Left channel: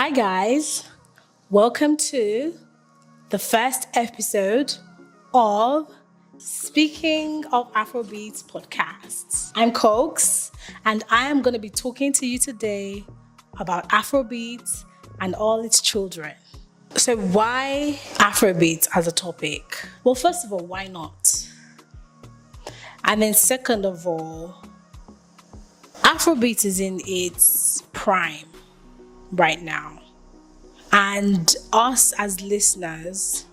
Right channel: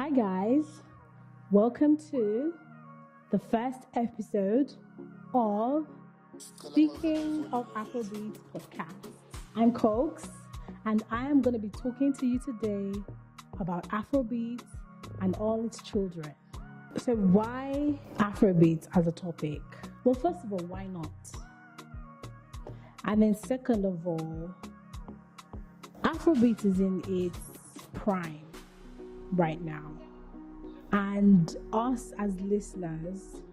Hi guys, welcome to the first episode of Speaking of Afrobeats podcast. I'm Cokes and I am going to be talking to you today about Afrobeats and all its children. So why Afrobeats as a topic? Well, first of all, why not? And then second of all, Afrobeats is in its prime right now. And us as listeners,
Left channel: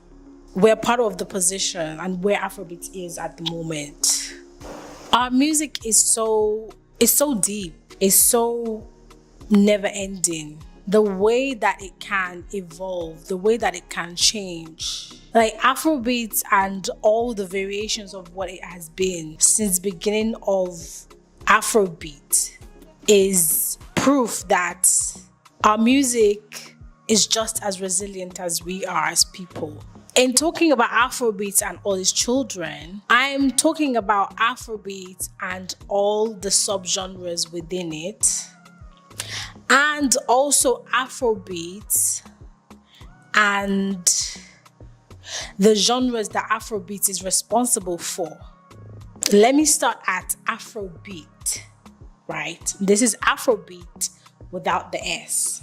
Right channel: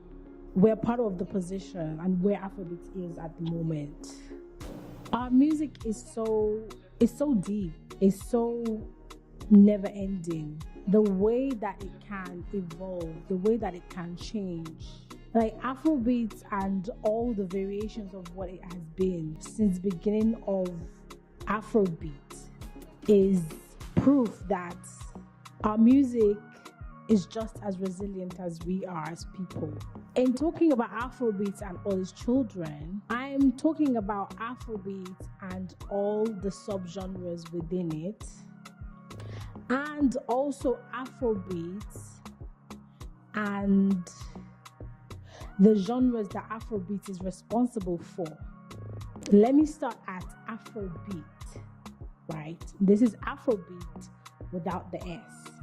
we're part of the position and where Afrobeats is at the moment. Our music is so deep, it's so never ending. The way that it can evolve, the way that it can change. Like Afrobeats and all the variations of what it has been since the beginning of Afrobeat is proof that our music is just as resilient as we are as people. In talking about Afrobeats and all its children, I'm talking about Afrobeats and all the subgenres within it, and also Afrobeats and the genres that Afrobeats is responsible for. Let me start at Afrobeat, right? This is Afrobeat without the S.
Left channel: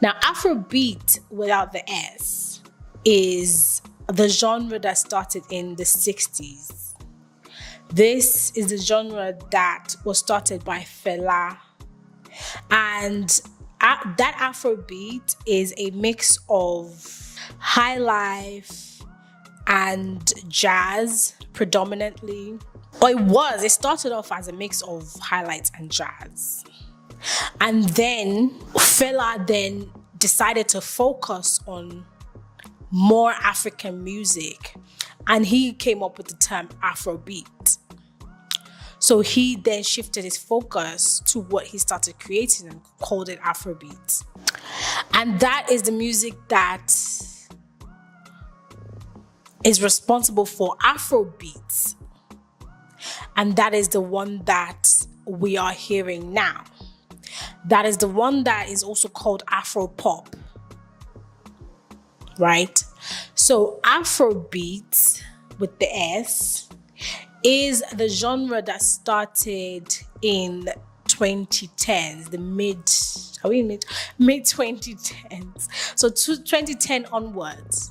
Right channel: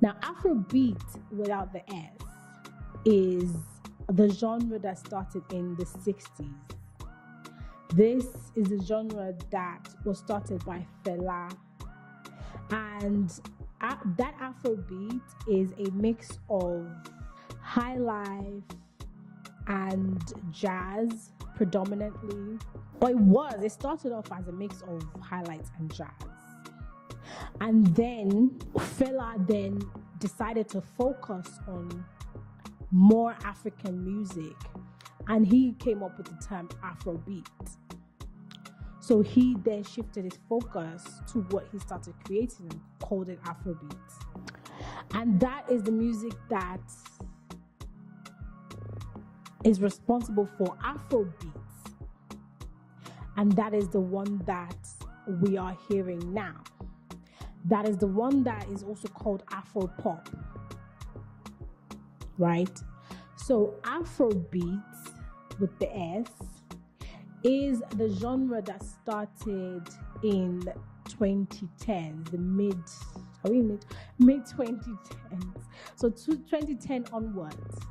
Now, Afrobeat without the S is the genre that started in the 60s. This is the genre that was started by Fela. And that Afrobeat is a mix of high life and jazz predominantly. Or it started off as a mix of highlights and jazz. And then Fela then decided to focus on more African music, and he came up with the term Afrobeat. So he then shifted his focus to what he started creating and called it Afrobeat. And that is the music that is responsible for Afrobeats. And that is the one that we are hearing now. That is the one that is also called Afropop, right? So Afrobeat with the S is the genre that started in 2010s, the mid 2010s. So 2010 onwards,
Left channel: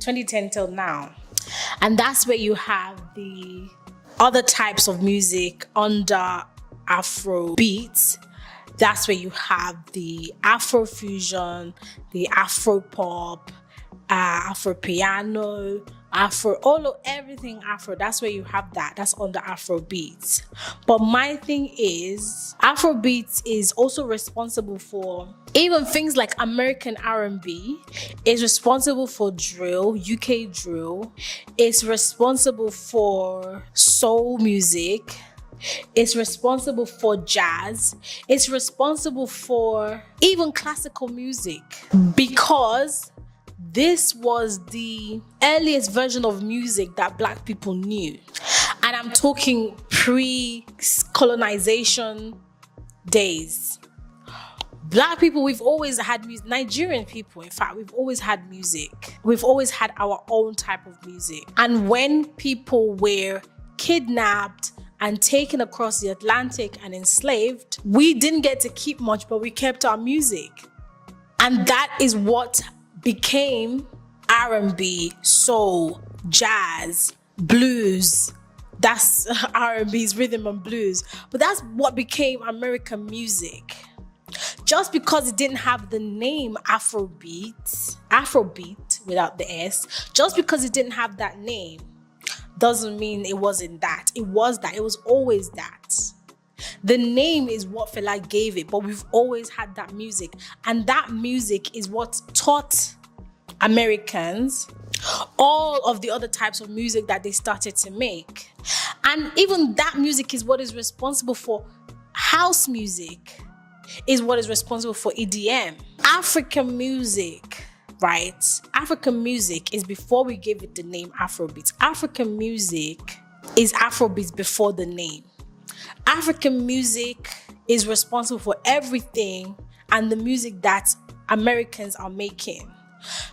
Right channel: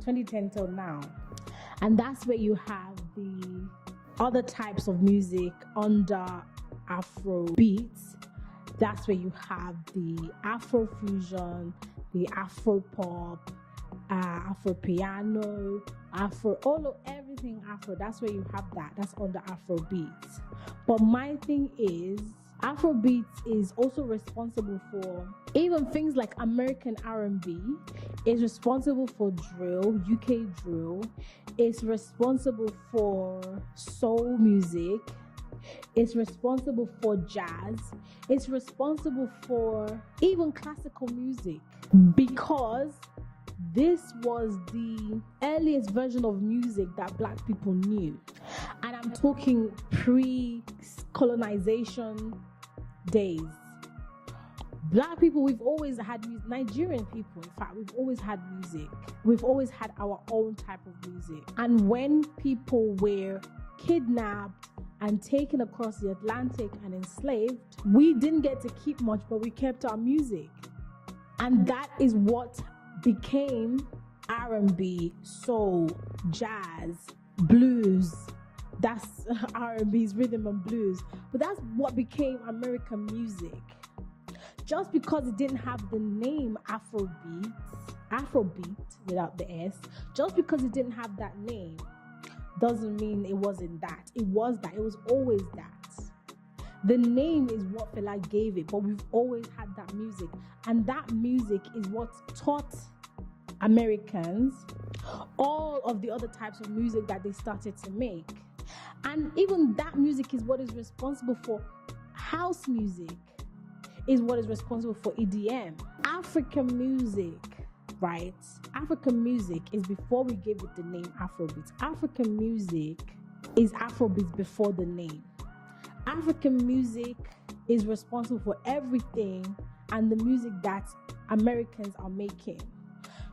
2010 till now. And that's where you have the other types of music under Afrobeats. That's where you have the Afrofusion, the Afropop, Afropiano, everything Afro. That's where you have that. That's under Afrobeats. But my thing is, Afrobeats is also responsible for even things like American R&B. It's responsible for drill, UK drill. It's responsible for soul music. It's responsible for jazz. It's responsible for even classical music, because this was the earliest version of music that Black people knew. And I'm talking pre-colonization days. Black people, we've always had music. Nigerian people, in fact, we've always had music. We've always had our own type of music. And when people were kidnapped and taken across the Atlantic and enslaved, we didn't get to keep much, but we kept our music. And that is what became R&B, soul, jazz, blues. That's R&B's rhythm and blues. But that's what became American music. Just because it didn't have the name Afrobeat without the S, just because it didn't have that name, doesn't mean it wasn't that. It was that. It was always that. The name is what Fela gave it, but we've always had that music. And that music is what taught Americans all of the other types of music that they started to make. And even that music is what is responsible for house music, is what is responsible for EDM. African music, right? African music is before we gave it the name Afrobeats. African music is Afrobeats before the name. African music is responsible for everything and the music that Americans are making.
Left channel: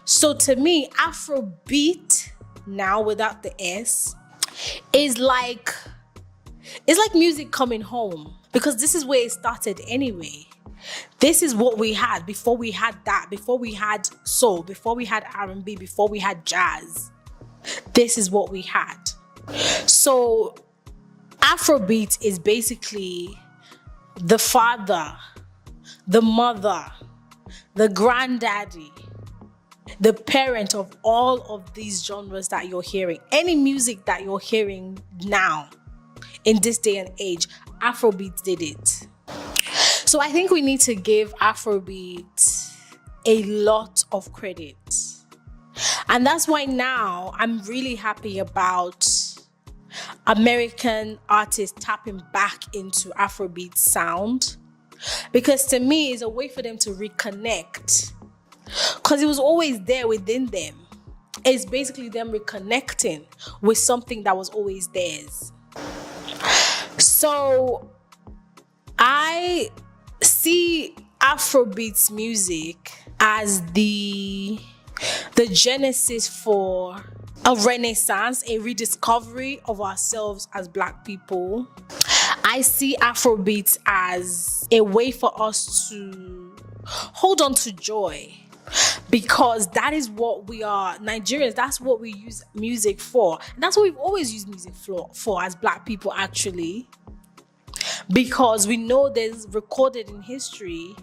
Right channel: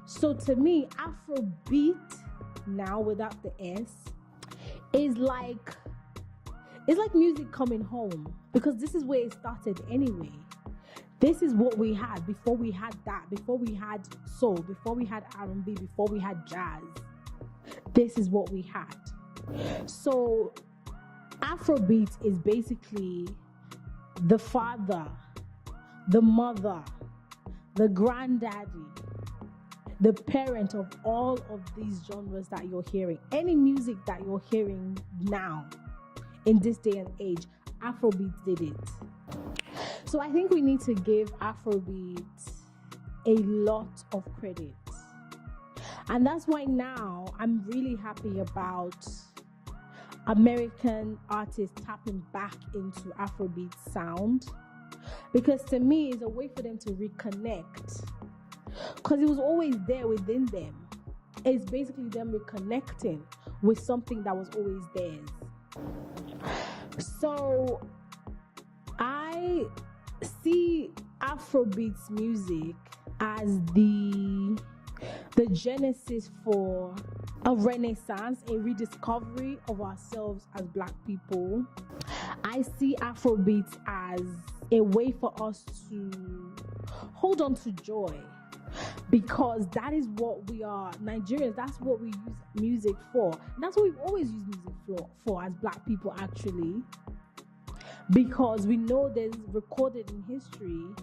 So to me, Afrobeat, now without the S, is like, it's like music coming home, because this is where it started anyway. This is what we had before we had that, before we had soul, before we had R&B, before we had jazz. This is what we had. So Afrobeat is basically the father, the mother, the granddaddy, the parent of all of these genres that you're hearing. Any music that you're hearing now in this day and age, Afrobeat did it. So I think we need to give Afrobeat a lot of credit. And that's why now I'm really happy about American artists tapping back into Afrobeat sound, because to me it's a way for them to reconnect, because it was always there within them. It's basically them reconnecting with something that was always theirs. So I see Afrobeats music as the genesis for a renaissance, a rediscovery of ourselves as Black people. I see Afrobeats as a way for us to hold on to joy, because that is what we are, Nigerians. That's what we use music for. And that's what we've always used music for as Black people, actually. Because we know there's recorded in history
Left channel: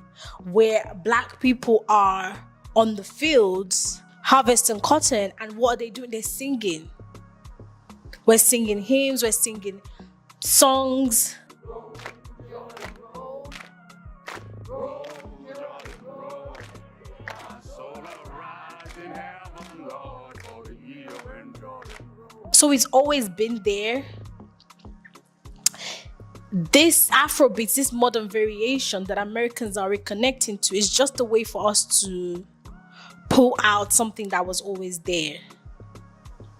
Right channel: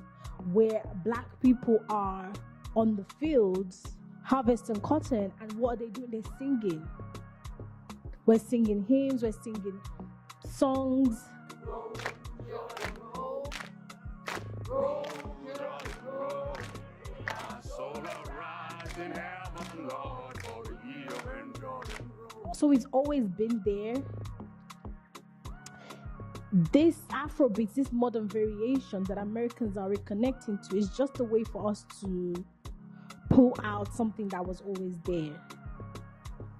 where Black people are on the fields harvesting cotton, and what are they doing? They're singing. We're singing hymns, we're singing songs. So it's always been there. This Afrobeats, this modern variation that Americans are reconnecting to, is just a way for us to pull out something that was always there.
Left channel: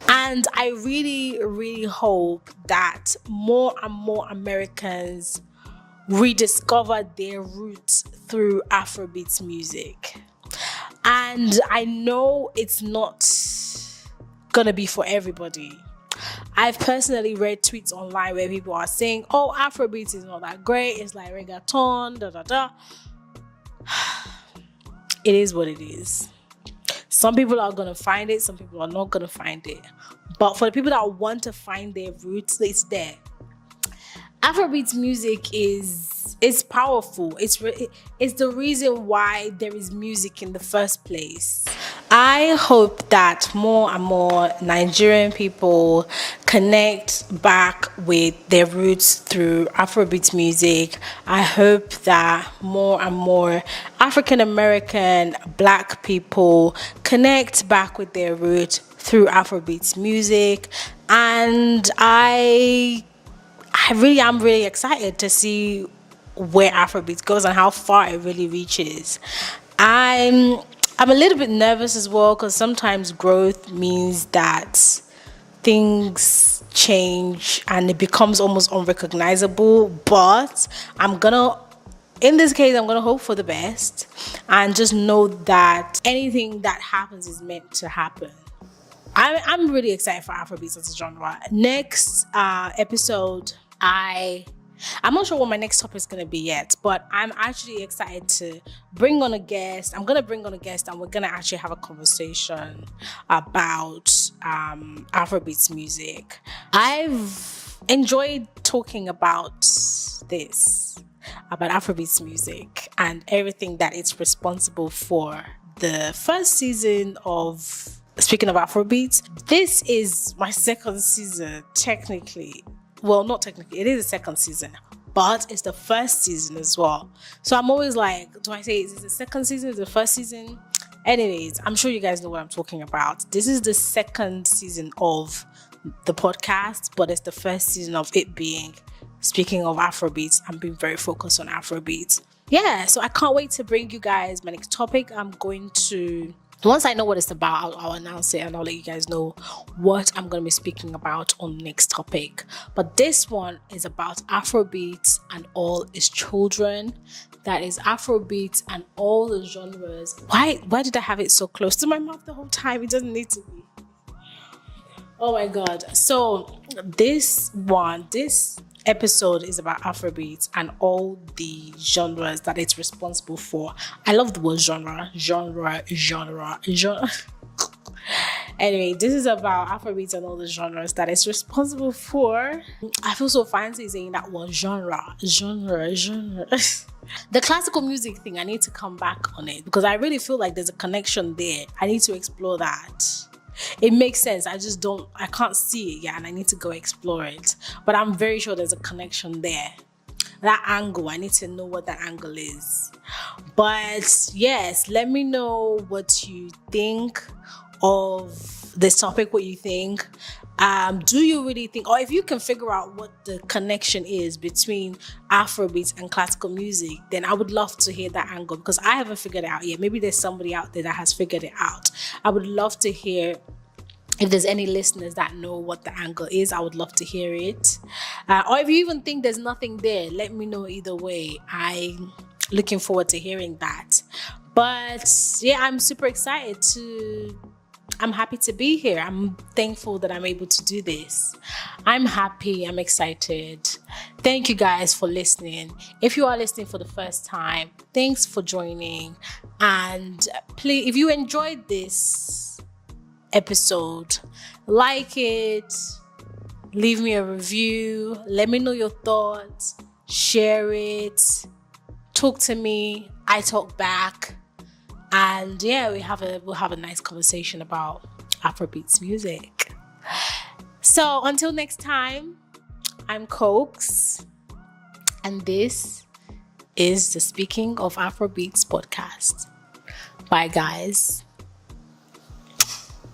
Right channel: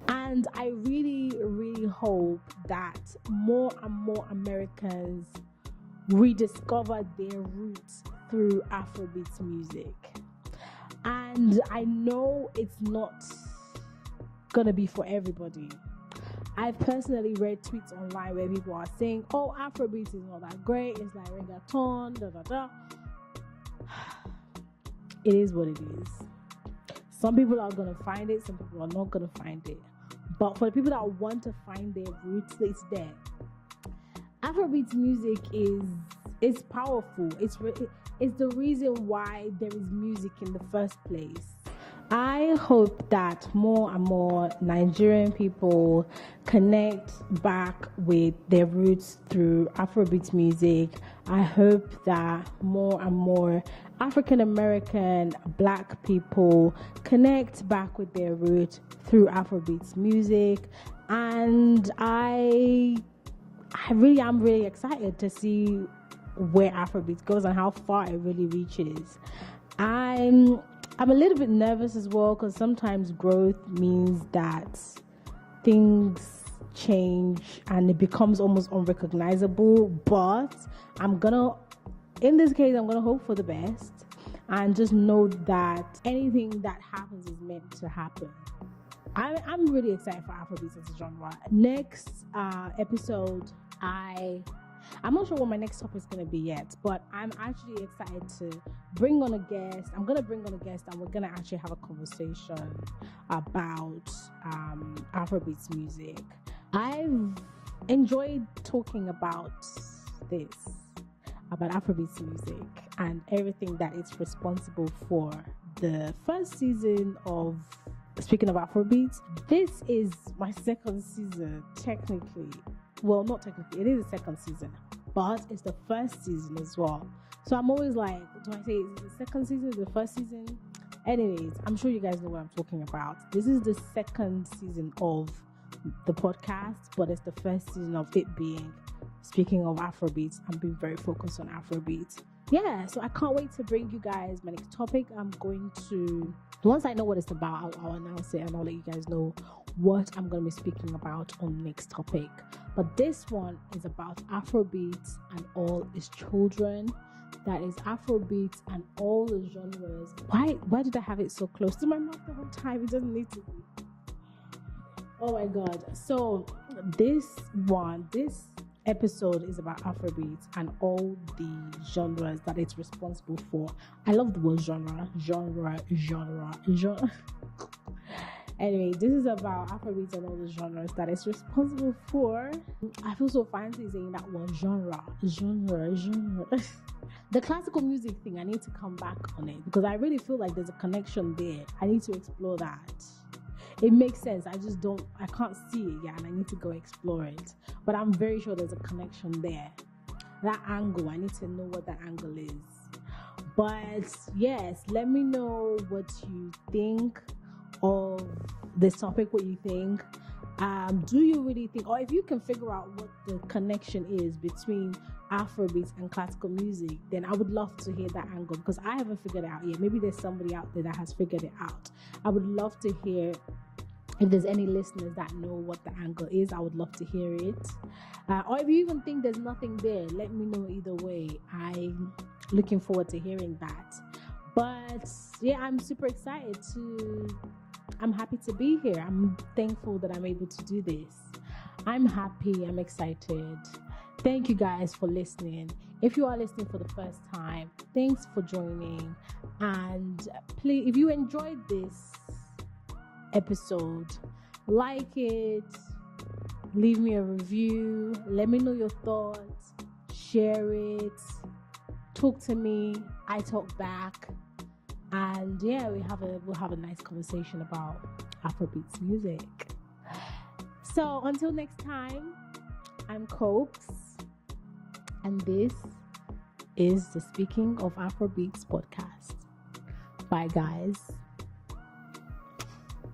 And I really, really hope that more and more Americans rediscover their roots through Afrobeats music. And I know it's not gonna be for everybody. I've personally read tweets online where people are saying, oh, Afrobeats is not that great, it's like reggaeton, da da da. It is what it is. Some people are going to find it, some people are not going to find it. But for the people that want to find their roots, it's there. Afrobeats music is powerful. It's the reason why there is music in the first place. I hope that more and more Nigerian people connect back with their roots through Afrobeats music. I hope that more and more African American Black people connect back with their roots through Afrobeats music. And I really am really excited to see where Afrobeats goes and how far it really reaches. I'm a little bit nervous as well, because sometimes growth means that things change and it becomes almost unrecognizable. But in this case, I'm gonna hope for the best and just know that anything that happens is meant to happen. I'm really excited for Afrobeats as a genre. Next episode, I'm not sure what my next topic is going to be yet, but I'm actually excited to bring on a guest. I'm going to bring on a guest and we're going to actually have a conversation about Afrobeats music. I've enjoyed talking about this, about Afrobeats music and everything that it's responsible for. The first season of, speaking of Afrobeats, this is my second season, technically. Well, not technically, it is the second season, but it's the first season as well. So I'm always like, do I say, is it the second season, is it the first season? Anyways, I'm sure you guys know what I'm talking about. This is the second season of the podcast, but it's the first season of it being, speaking of Afrobeats, I'm being very focused on Afrobeats. Yeah, so I can't wait to bring you guys my next topic. I'm going to Once I know what it's about, I'll announce it and I'll let you guys know what I'm going to be speaking about on the next topic. But this one is about Afrobeats and all its children. That is Afrobeats and all the genres. Why did I have it so close to my mouth the whole time? It doesn't need to be. Oh my God. So this episode is about Afrobeats and all the genres that it's responsible for. I love the word genre. Anyway, this is about Afrobeats and all the genres that it's responsible for. I feel so fancy saying that word, genre. The classical music thing, I need to come back on it because I really feel like there's a connection there. I need to explore that. It makes sense. I can't see it yet and I need to go explore it. But I'm very sure there's a connection there. That angle, I need to know what that angle is. But yes, let me know what you think of this topic, what you think. Do you really think, or if you can figure out what the connection is between Afrobeats and classical music, then I would love to hear that angle because I haven't figured it out yet. Maybe there's somebody out there that has figured it out. I would love to hear if there's any listeners that know what the angle is. I would love to hear it. Or if you even think there's nothing there, let me know either way. I'm looking forward to hearing that. But yeah, I'm super excited I'm happy to be here. I'm thankful that I'm able to do this. I'm happy. I'm excited. Thank you guys for listening. If you are listening for the first time, thanks for joining. And please, if you enjoyed this episode, like it, leave me a review, let me know your thoughts, share it, talk to me, I talk back. And yeah, we'll have a nice conversation about Afrobeats music. So until next time, I'm Cokes, and this is the Speaking of Afrobeats podcast. Bye, guys.